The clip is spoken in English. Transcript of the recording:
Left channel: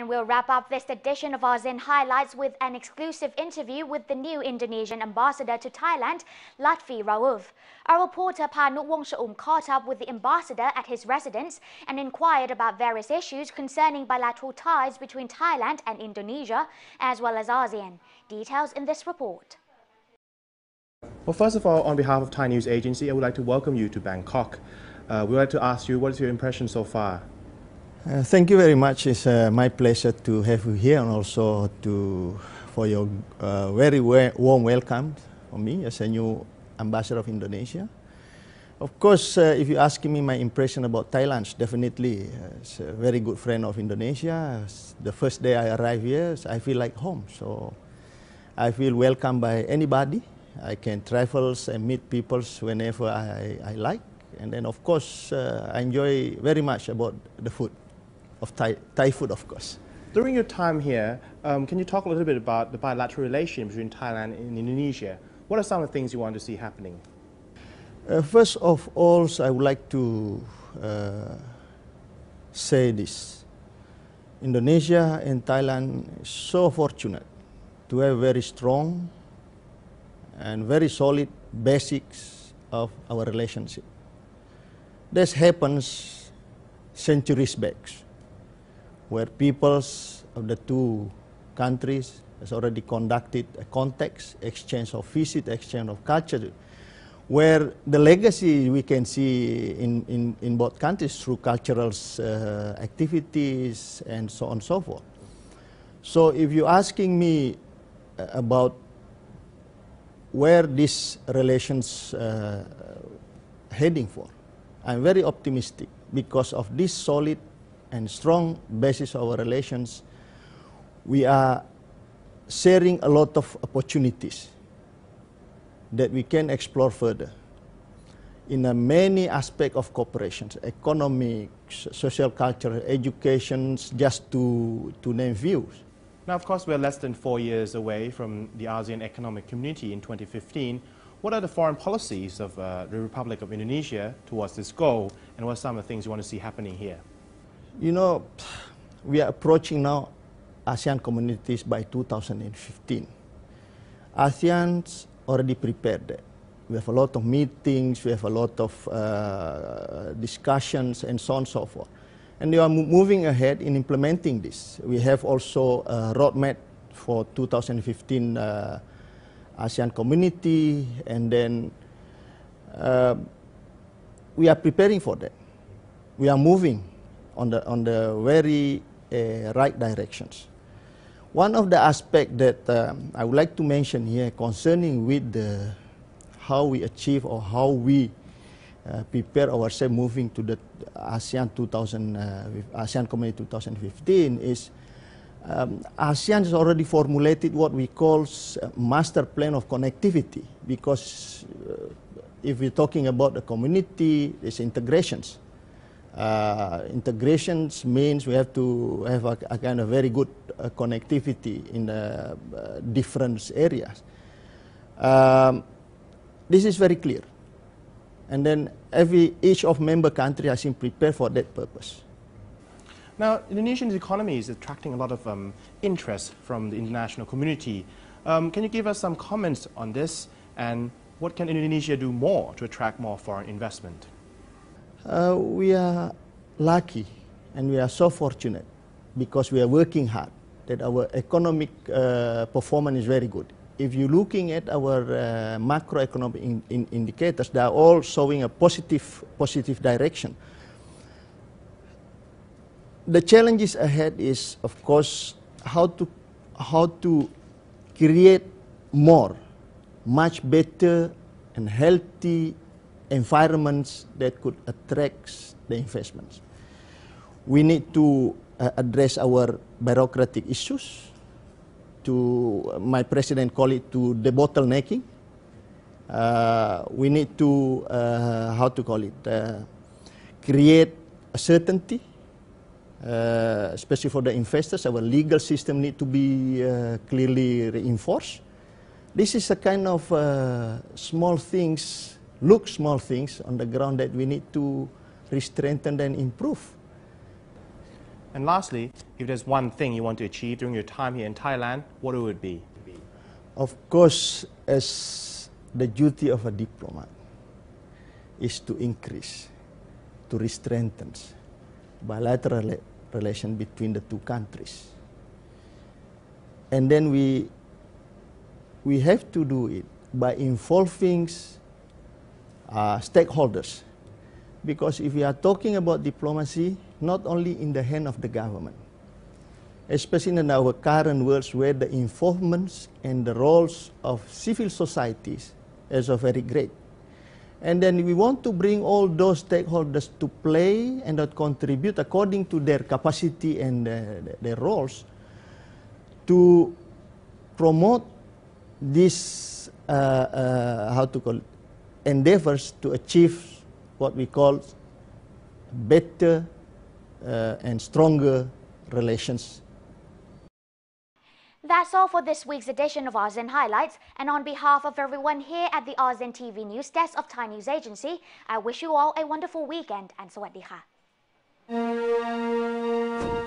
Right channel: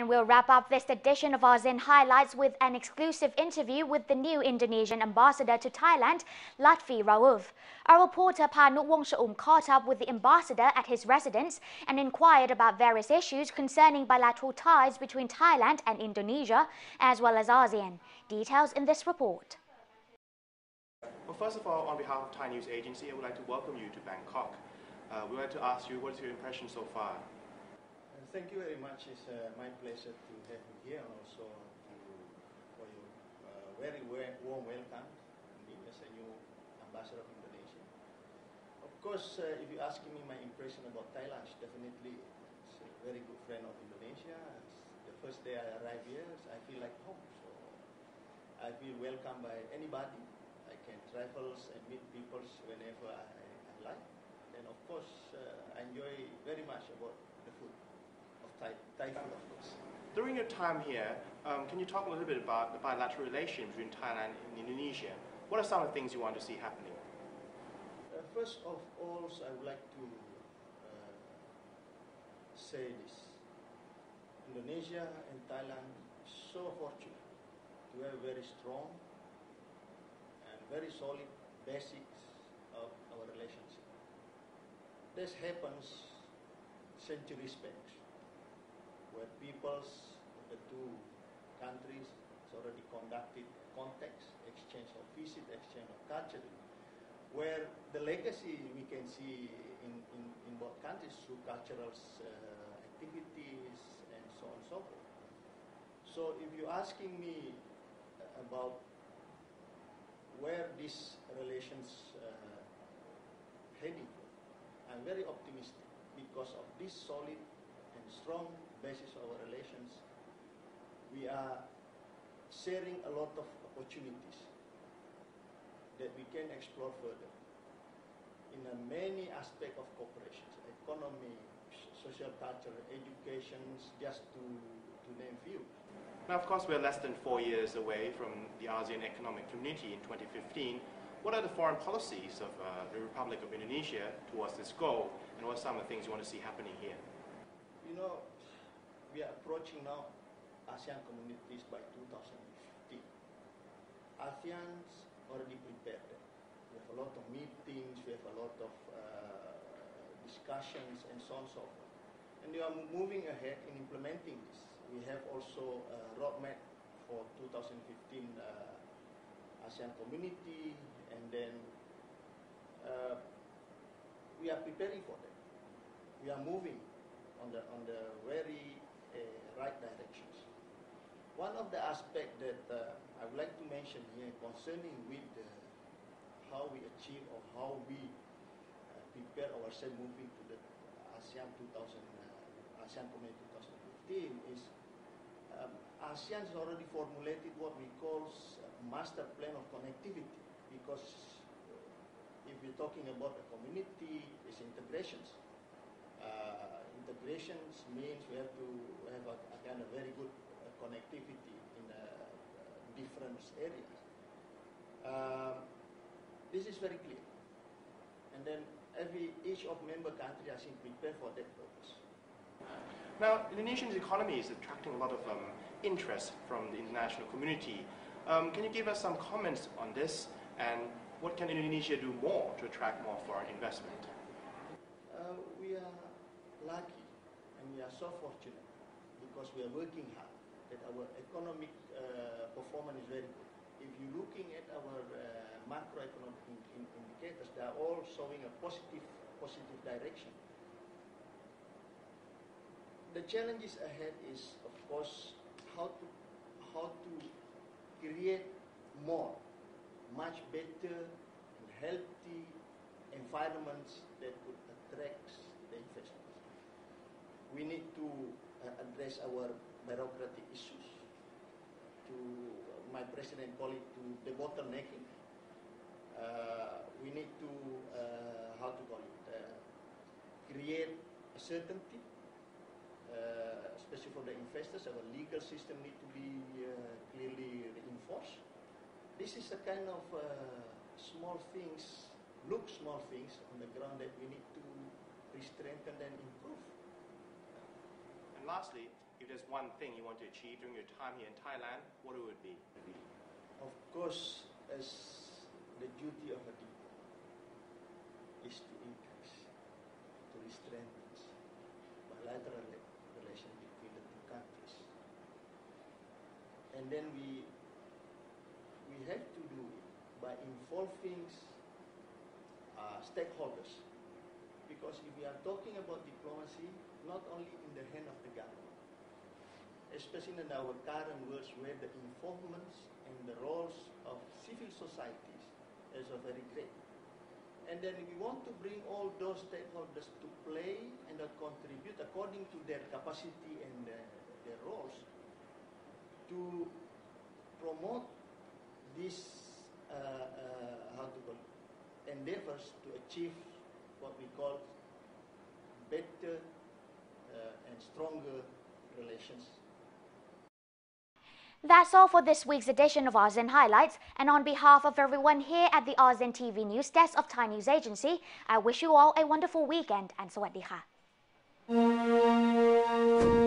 And we'll wrap up this edition of ASEAN Highlights with an exclusive interview with the new Indonesian ambassador to Thailand, Lutfi Rauf. Our reporter Panuk Wongsha'um caught up with the ambassador at his residence and inquired about various issues concerning bilateral ties between Thailand and Indonesia, as well as ASEAN. Details in this report. Well, first of all, on behalf of Thai News Agency, I would like to welcome you to Bangkok. We'd like to ask you, what is your impression so far? Thank you very much. It's my pleasure to have you here and also for your very warm welcome for me as a new ambassador of Indonesia. Of course, if you ask me my impression about Thailand, definitely it's a very good friend of Indonesia. The first day I arrived here, I feel like home. So I feel welcomed by anybody. I can travel and meet people whenever I like. And then, of course, I enjoy very much about the food. Of Thai food, of course. During your time here, can you talk a little bit about the bilateral relations between Thailand and Indonesia? What are some of the things you want to see happening? First of all, I would like to say this. Indonesia and Thailand are so fortunate to have very strong and very solid basics of our relationship. This happens centuries back, where peoples of the two countries has already conducted a context, exchange of visit, exchange of culture, where the legacy we can see in both countries through cultural activities and so on and so forth. So if you're asking me about where these relations heading for, I'm very optimistic because of this solid and strong basis of our relations. We are sharing a lot of opportunities that we can explore further in many aspects of cooperation, economics, social culture, education, just to name few. Now, of course, we're less than 4 years away from the ASEAN Economic Community in 2015. What are the foreign policies of the Republic of Indonesia towards this goal, and what are some of the things you want to see happening here? You know, we are approaching now ASEAN communities by 2015. ASEAN's already prepared that. We have a lot of meetings, we have a lot of discussions, and so on and so forth. And we are moving ahead in implementing this. We have also a roadmap for 2015 ASEAN community, and then we are preparing for that. We are moving on the very right directions. One of the aspects that I would like to mention here concerning with how we achieve or how we prepare ourselves moving to the ASEAN Community 2015 is ASEAN has already formulated what we call master plan of connectivity, because if we're talking about the community, it's integrations. Integrations means we have to have a kind of very good connectivity in the different areas. This is very clear. And then each of member countries has been prepared for that purpose. Now, Indonesia's economy is attracting a lot of interest from the international community. Can you give us some comments on this, and what can Indonesia do more to attract more foreign investment? We are lucky and we are so fortunate because we are working hard that our economic performance is very good. If you're looking at our macroeconomic indicators, they are all showing a positive direction. The challenges ahead is, of course, how to create much better and healthy environments that could attract the investments. We need to address our bureaucratic issues. My president called it to the bottlenecking. We need to create a certainty, especially for the investors. Our legal system need to be clearly reinforced. This is a kind of small things on the ground that we need to strengthen and improve. And lastly, if there's one thing you want to achieve during your time here in Thailand, what would it be? Of course, as the duty of a diplomat is to increase, to strengthen bilateral relation between the two countries. And then we have to do it by involving stakeholders. Because if we are talking about diplomacy, not only in the hand of the government, especially in our current world where the involvements and the roles of civil societies is very great. And then we want to bring all those stakeholders to play and that contribute according to their capacity and their roles to promote these endeavors to achieve what we call better and stronger relations. That's all for this week's edition of ASEAN Highlights, and on behalf of everyone here at the ASEAN TV News Desk of Thai News Agency, I wish you all a wonderful weekend and สวัสดีค่ะ